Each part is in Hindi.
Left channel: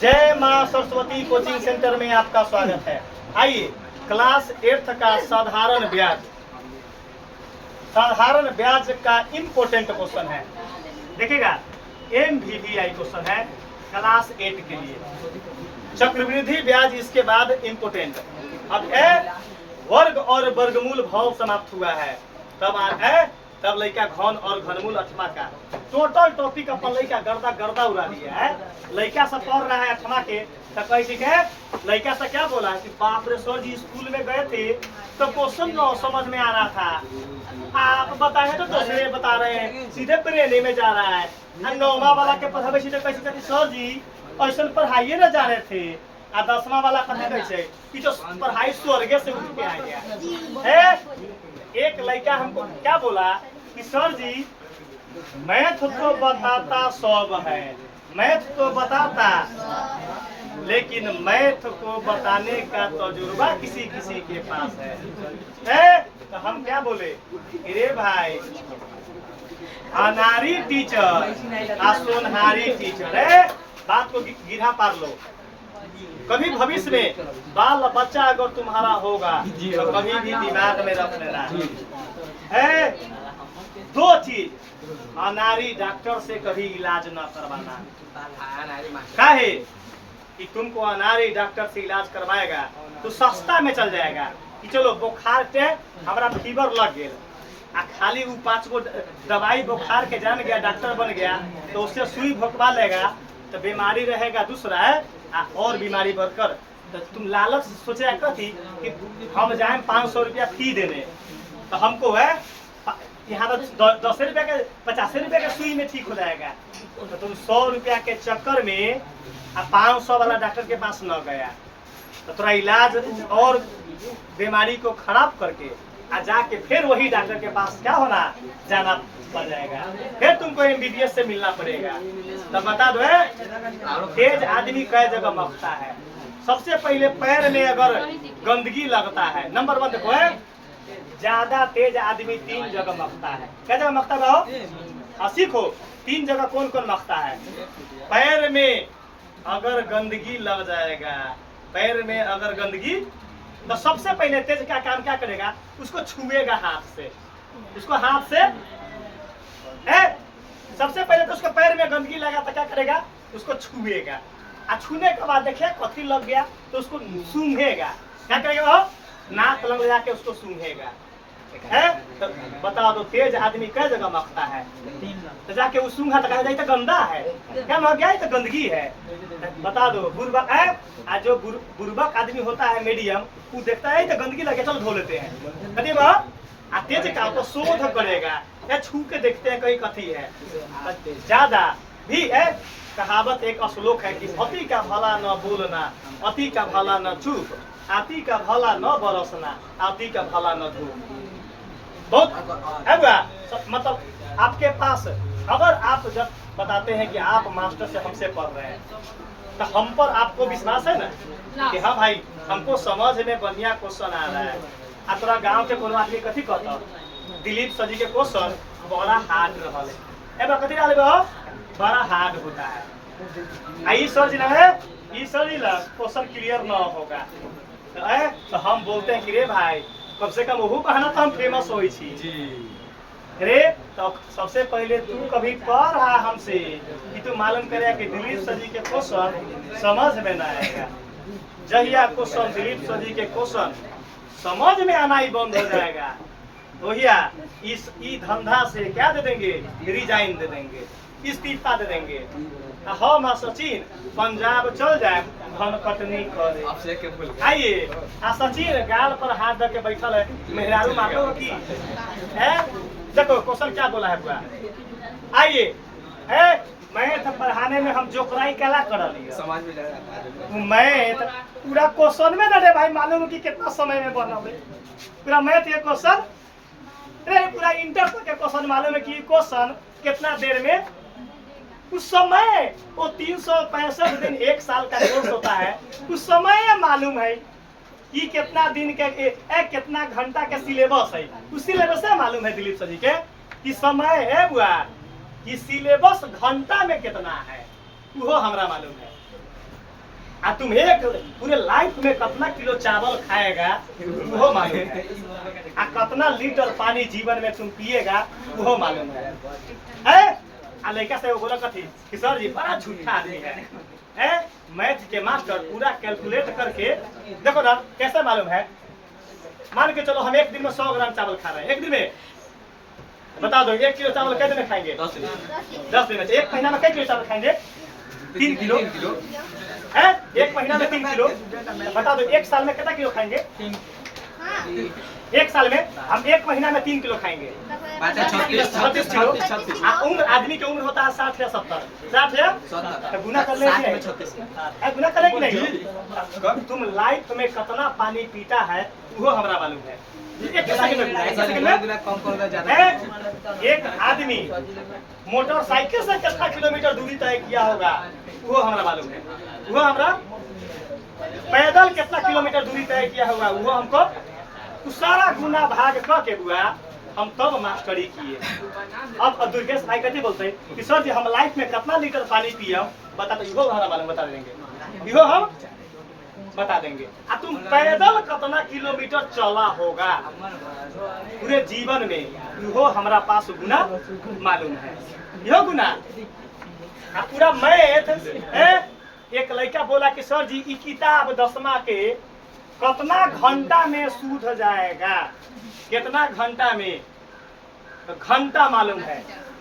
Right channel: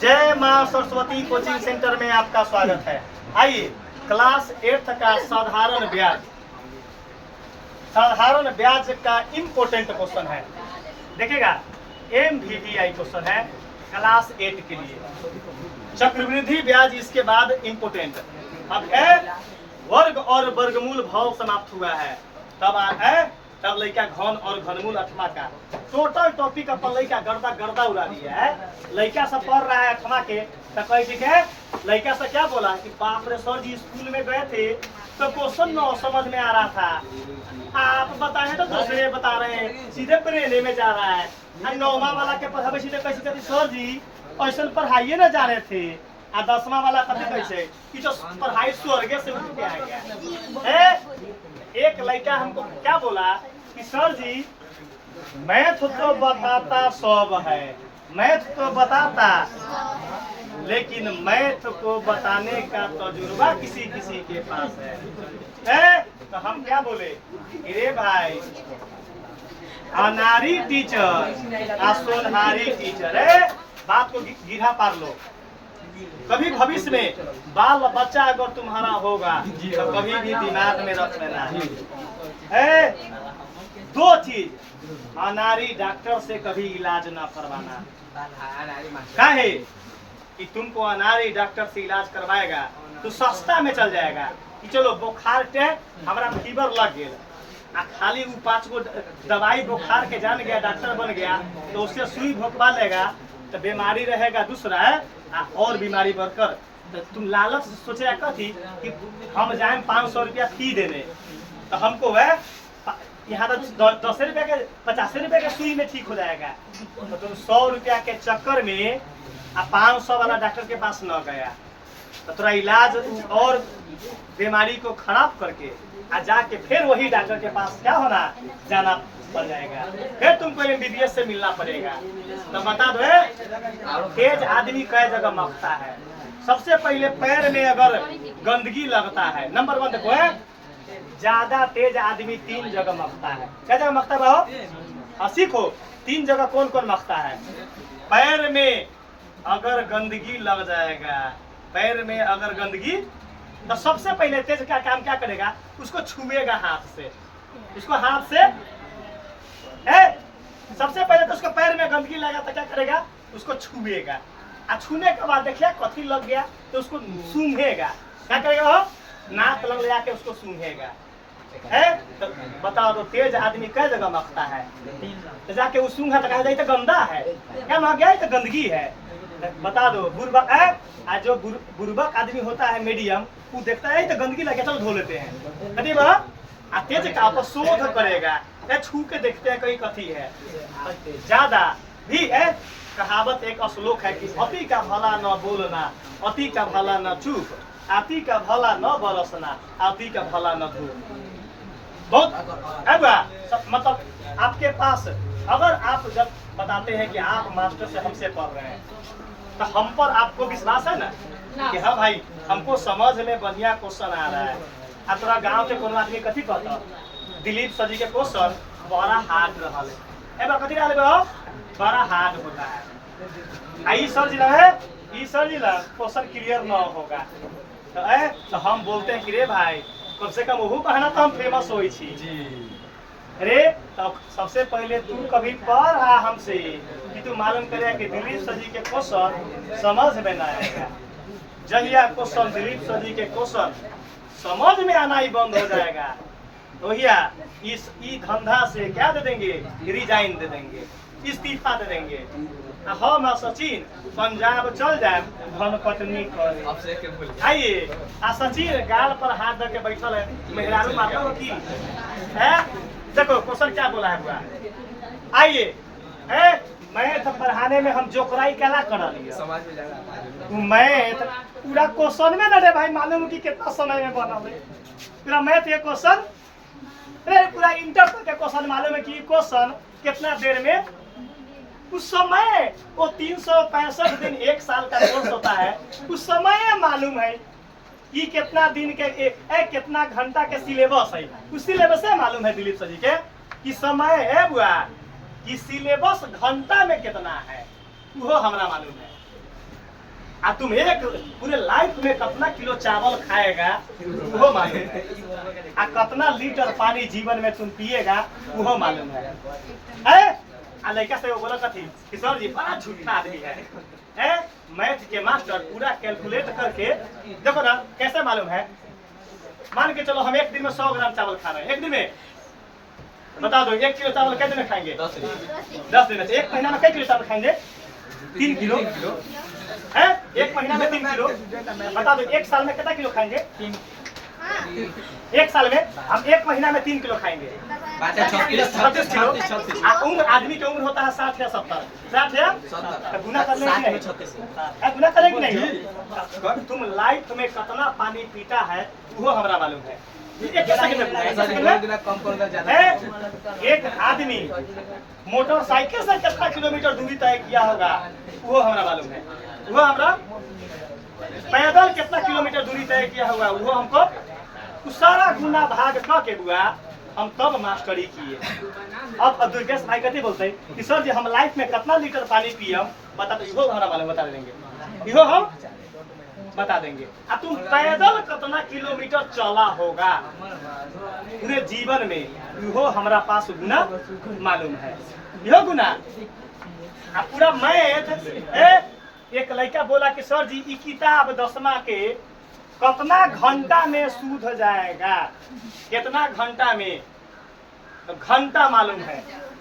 जय मां सरस्वती कोचिंग सेंटर में आपका स्वागत है। आइए, क्लास 8 का साधारण ब्याज का इम्पोर्टेंट क्वेश्चन है। देखिएगा, MVVI क्वेश्चन है क्लास 8 के लिए। चक्रवृद्धि ब्याज इसके बाद इम्पोर्टेंट। अब वर्ग और वर्गमूल भाव समाप्त हुआ है, तब लड़का घन और घनमूल अठमा का टोटल टॉपिक अपन लड़का गर्दा उड़ा दिया है। लड़का सब पढ़ रहा है अठमा के, तो कह लड़का से क्या बोला कि बाप रे सर जी स्कूल में गए थे तो क्वेश्चन न समझ में आ रहा था, आप बताए तो दूसरे बता रहे हैं, सीधे प्रेरणे में जा रहा है। 9वां वाला के पढ़ावे सीधे कैसे कहती सर जी ऐसा पढ़ाइए न जा रहे थे। 10वां वाला कहते कैसे कि तो पढ़ाई स्वर्ग से उठ के आ गया है। एक लड़का हमको क्या बोला कि सर जी मैथ तो बताता सब है, मैथ तो बताता, लेकिन मैथ को बताने का तजुर्बा किसी किसी के पास है? तो हम क्या बोले, अरे भाई अनारी टीचर आ सोनहारी टीचर है, बात को गिरा पार लो। कभी भविष्य में बाल बच्चा अगर तुम्हारा होगा तो कभी भी दिमाग में रख लेना है, दो चीज, अनारी डॉक्टर से कभी इलाज न करवाना। काहे कि तुमको अनारी डॉक्टर से इलाज करवाएगा तो सस्ता में चल जाएगा कि चलो बुखार के हमारा फीवर लग गया, खाली वो 5 गो दवाई बुखार के जान गया, डॉक्टर बन गया, तो उससे सुई भोंकवा लेगा तो बीमारी रहेगा दूसरा है और बीमारी बढ़कर। तो तुम लालच सोचा कथी कि हम जाए 500 रुपया फी देने, तो हमको है यहाँ तो 10 रुपया के 50 रुपया के सुई में ठीक हो जाएगा, तो तुम 100 रुपया के चक्कर में 500 वाला डॉक्टर के पास न गया, तो थोड़ा इलाज और बीमारी को खराब करके जाके फिर वही डॉक्टर के पास क्या होना जाना पड़ जाएगा, फिर तुमको MBBS से मिलना पड़ेगा। तो बता दो तेज आदमी कई जगह मरता है। सबसे पहले पैर में अगर गंदगी लगता है, नंबर 1 देखो है, ज्यादा तेज आदमी 3 जगह मरता है। क्या जगह मरता है भाव? सीखो 3 जगह कौन कौन मरता है। पैर में अगर गंदगी लग जाएगा, पैर में अगर गंदगी, तो सबसे पहले तेज का काम क्या करेगा, उसको छुएगा हाथ से, उसको हाथ से सबसे पहले तो उसके पैर में गंदगी लगा तो क्या करेगा, उसको छुएगा, छूने के बाद देखिए कथी लग गया तो उसको सूंघेगा। क्या करेगा वो, नाक लग जाके उसको सूंघेगा है। तो बता दो तेज आदमी कई जगह मरता है, तो जाके वो सूंघा तो कहा जाए तो गंदा है, क्या मर गया तो गंदगी है। बता दो बुर्बक है, जो बुर्बक आदमी होता है मीडियम, वो देखता है तो गंदगी लगे चलो धो लेते हैं, तेज का आपको शोध करेगा, छू के देखते हैं कहीं कथी है। ज्यादा भी है, कहावत एक श्लोक है कि अति का भला न बोलना, अति का भला न चुप, अति का भला न बरसना, अति का भला न धूप। बहुत है मतलब आपके पास अगर आप जब बताते हैं कि आप मास्टर से हमसे पढ़ रहे हैं, तो हम पर आपको विश्वास है ना कि हाँ भाई हमको समझ में बढ़िया क्वेश्चन आ रहा है। तोरा गाँव के कोनो आदमी कथी कहता, दिलीप सर जी के क्वेश्चन बड़ा हार्ड रहा है, कथी बड़ा हार्ड होता है, ई सर जी क्वेश्चन क्लियर न होगा, तो हम बोलते हैं कि रे भाई कम से कम वहू बहाना तो हम फेमस हो रे। तो सबसे पहले तू कभी पढ़ रहा हमसे कि तू मालूम करेगा कि दिलीप सर जी के क्वेश्चन समझ में न आएगा। जहिया क्वेश्चन दिलीप सर जी के क्वेश्चन समझ में आना ही बंद हो जाएगा, तो इस धंधा से क्या दे देंगे, रिजाइन दे देंगे, इस्तीफा दे देंगे। हम सचिन पंजाब चल जाए धन कटनी करे। आइए सचिन गाल पर हाथ दे के बैठल है, मेहरारू मारलो की है। देखो क्वेश्चन क्या बोला है बुआ, आइए मैथ पढ़ाने में हम जोकराई कला कर लिया, मैथ पूरा क्वेश्चन में ना रे भाई मालूम कि कितना समय में बना पूरा मैथ के क्वेश्चन, पूरा इंटर तक के क्वेश्चन मालूम है कि क्वेश्चन कितना देर में, उस समय वो 365 दिन 1 साल का कोर्स होता है, उस समय मालूम है कि कितना दिन के कितना घंटा के सिलेबस है, उस सिलेबस से मालूम है दिलीप सर जी के कि समय है बुआ, कि सिलेबस घंटा में कितना है, वो हमरा मालूम है। आ तुम एक पूरे लाइफ में कितना किलो चावल खाएगा वो मालूम है, आ कितना लीटर पानी जीवन में तुम पिएगा वो मालूम है। आ लड़का से वो बोला कथी कि सर जी बड़ा झूठा आदमी है, मैथ के मास्टर पूरा कैलकुलेट करके देखो ना कैसे मालूम है। मान के चलो हम एक दिन में 100 ग्राम चावल खा रहे हैं, एक दिन में बता दो 1 किलो चावल कितने में खाएंगे? 10 दिन में। एक महीना में कितने किलो चावल खाएंगे? 3 किलो है। एक महीना में 3 किलो, बता दो 1 साल में कितना किलो खाएंगे? 1 साल में हम 1 महीना में 3 किलो खाएंगे, 36 किलो। उम्र आदमी की उम्र होता है 60 या 70, 60 या 70, गुना कर लेंगे, गुना करेंगे नहीं। तुम लाइफ में कितना पानी पीता है वो हमारा मालूम है। एक आदमी मोटरसाइकिल से कितना किलोमीटर दूरी तय किया होगा वो हमारा मालूम है। वो हमरा पैदल कितना किलोमीटर दूरी तय किया होगा वो हमको सारा गुना भाग के हुआ हम तब मास्टरी किए। अब दुर्गेश भाई कहते बोलते हैं कि सर जी हम लाइफ में कितना लीटर पानी पिए बता दो, इहो हमारा मालूम बता देंगे, इहो हम बता देंगे। आ तुम पैदल कितना किलोमीटर चला होगा पूरे जीवन में इहो हमारा पास गुना मालूम है, इहो गुना। आ पूरा मैथ एक लड़का बोला कि सर जी ये किताब 10वीं के कितना घंटा में सूझ जाएगा, कितना घंटा में? तो घंटा मालूम है,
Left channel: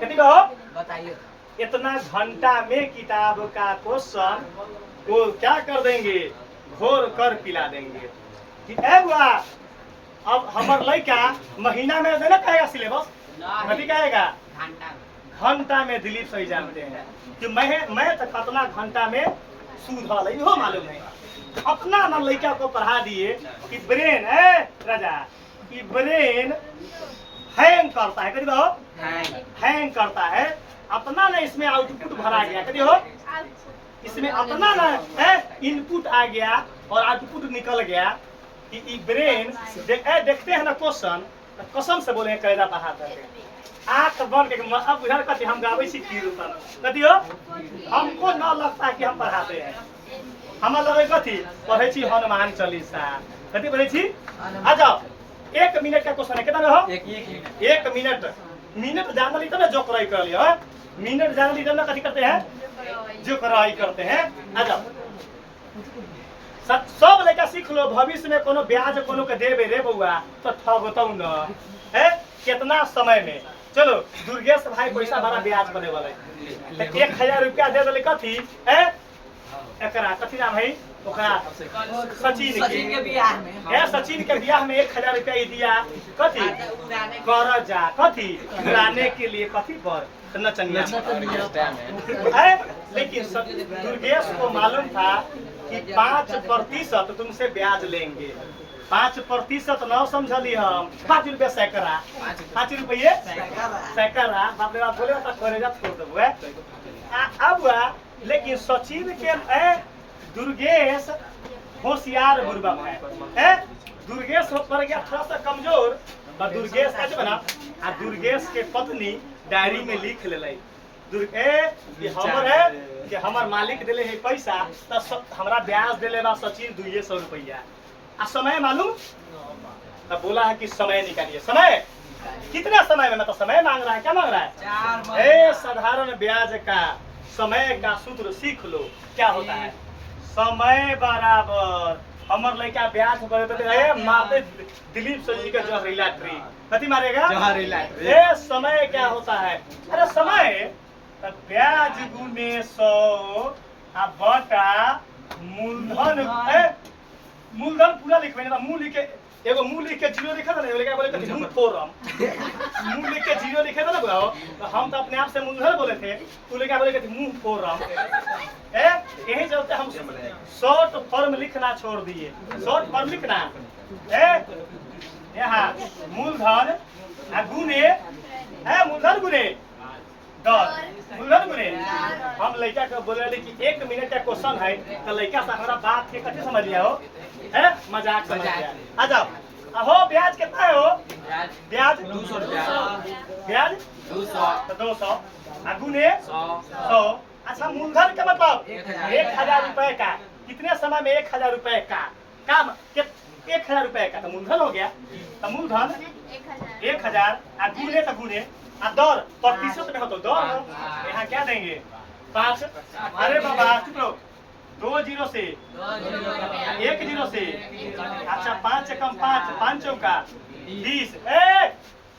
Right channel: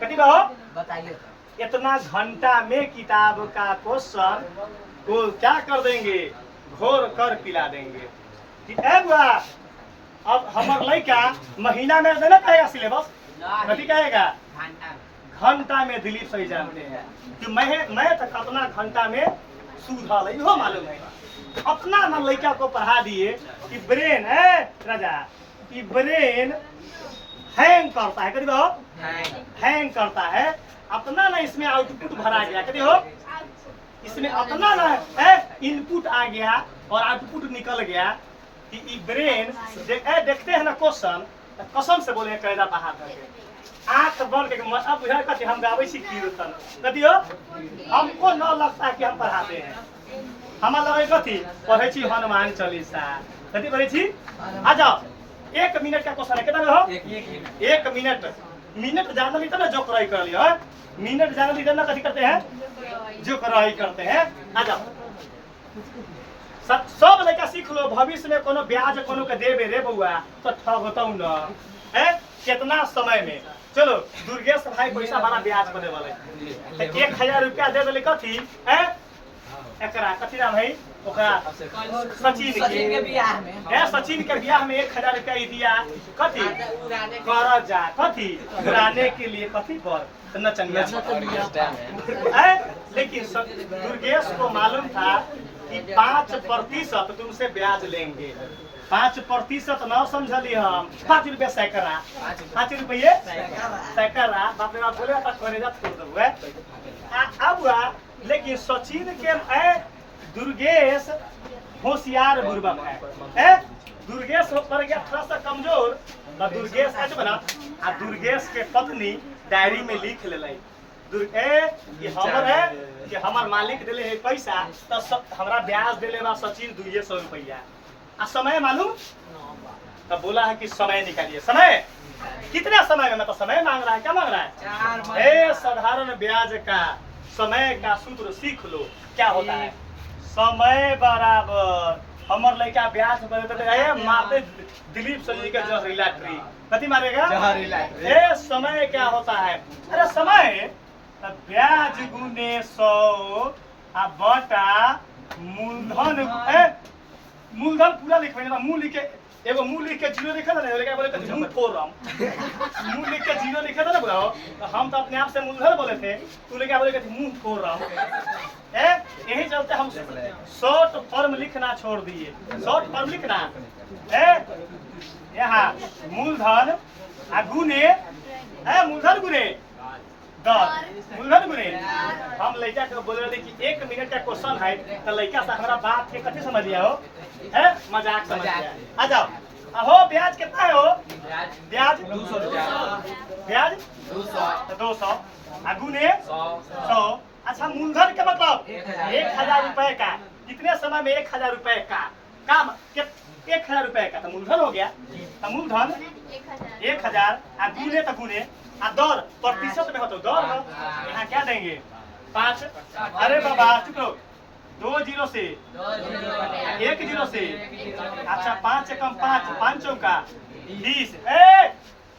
कितनी कहो बताइए। इतना घंटा में किताब का क्वेश्चन को क्या कर देंगे, घोर कर पिला देंगे कि बुआ अब हमार लड़का महीना में ना कहेगा सिलेबस, कभी कहेगा घंटा में। दिलीप सही जानते हैं कि मैं तो कितना घंटा में सूझल है इहो मालूम है। अपना ना लड़का को पढ़ा दिए कि ब्रेन है राजा, कि ब्रेन हैंग करता है, कभी हो हैंग करता है। अपना ना इसमें आउटपुट भरा गया, कभी हो इसमें अपना ना है इनपुट आ गया और आउटपुट निकल गया कि ब्रेन देखते हैं ना क्वेश्चन कसम से बोले कैदा पढ़ा करके आँख बंद करके। अब बुझाए कहते हम गावे सी कीर्तन कथी हो, हमको न लगता है कि हम पढ़ाते हैं, हमारा लगे कथी पढ़े छी हनुमान चालीसा, कथी पढ़े छी। आ जाओ 1 मिनट का क्वेश्चन है, कितना हो 1 मिनट। मिनट जान ली ना जो कराई कर लिया, मिनट जान ली ना कथी करते हैं जो कराई करते हैं। आ जाओ सब लड़का सीख लो, भविष्य में कोनो ब्याज कोनो के देबे रे बउआ तो ठगतौ न है कितना समय में। चलो दुर्गेश भाई पैसा बड़ा ब्याज बने वाले 1000 रुपया दे देले कथी है एकरा कथी नाम है ओकरा सचिन के बियाह में है, सचिन के बियाह में 1000 रुपया ही दिया कथी कर जा कथी उड़ाने के लिए कथी पर नचनिया। लेकिन दुर्गेश को मालूम था कि 5% तुमसे ब्याज लेंगे, 5% न समझली हम 5 रुपये सैकड़ा, 5 रुपये सैकड़ा बाप रे बाप बोले करेजा छोड़ देबो अब। लेकिन सचिन के दुर्गेश होशियार बुर्बक है, दुर्गेश पड़ गया थोड़ा सा कमजोर तो दुर्गेश आज बना। आ दुर्गेश के पत्नी डायरी में लिख ले कि हमार मालिक दिले है पैसा तो हमरा ब्याज दिले बा सचिन 200 रुपया। आ समय मालूम तब बोला है कि समय निकालिए। समय कितना समय में, मतलब समय मांग रहा है, क्या मांग रहा है? साधारण ब्याज का समय का सूत्र सीख लो क्या होता है। समय बराबर हमर लड़का ब्याज बने तो मारते दिलीप सजी के जहरीला ट्री कथी मारेगा जहरीला। समय क्या होता है? अरे समय ब्याज गुने 100 बटा मूलधन। मूलधन पूरा लिखबे ना, मूल लिख के एगो मूल लिख के 0 लिखा था ना, लेके बोले कथी मूल फोरम मूल लिख के 0 लिखा था ना बुलाओ, तो हम तो अपने आप से मूलधन बोले थे, तू लेके बोले कथी मूल फोरम। यही चलते हम शॉर्ट फॉर्म लिखना छोड़ दिए। शॉर्ट फॉर्म लिखना यहाँ मूलधन गुने मूलधन गुने 10 मूलधन गुने। हम लड़का के बोले रहे कि 1 मिनट का क्वेश्चन है तो लड़का से हमारा बात के कथी समझ लिया हो, मजाक समझ लिया। आ जाओ हो ब्याज कितना है हो? ब्याज 200 रुपया, ब्याज 200 गुने 100। अच्छा मूलधन का मतलब 1000 रुपए का कितने समय में 1000 रुपए का काम 1000 रुपए का तो मूलधन हो गया। तो मूलधन 1000 आ गुने तो गुने आ दर प्रतिशत में हो तो दर हो। यहाँ क्या देंगे 5। अरे बाबा चुप रहो, 2 0 से 1 0 से। अच्छा 5 एकम 5 5 चौका 20।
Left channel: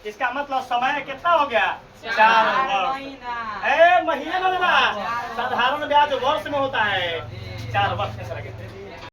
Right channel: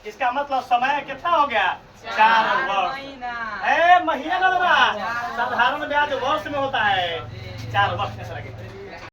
इसका मतलब समय कितना हो गया 4 वर्ष। महीना ना देना, साधारण ब्याज वर्ष में होता है 4 वर्ष।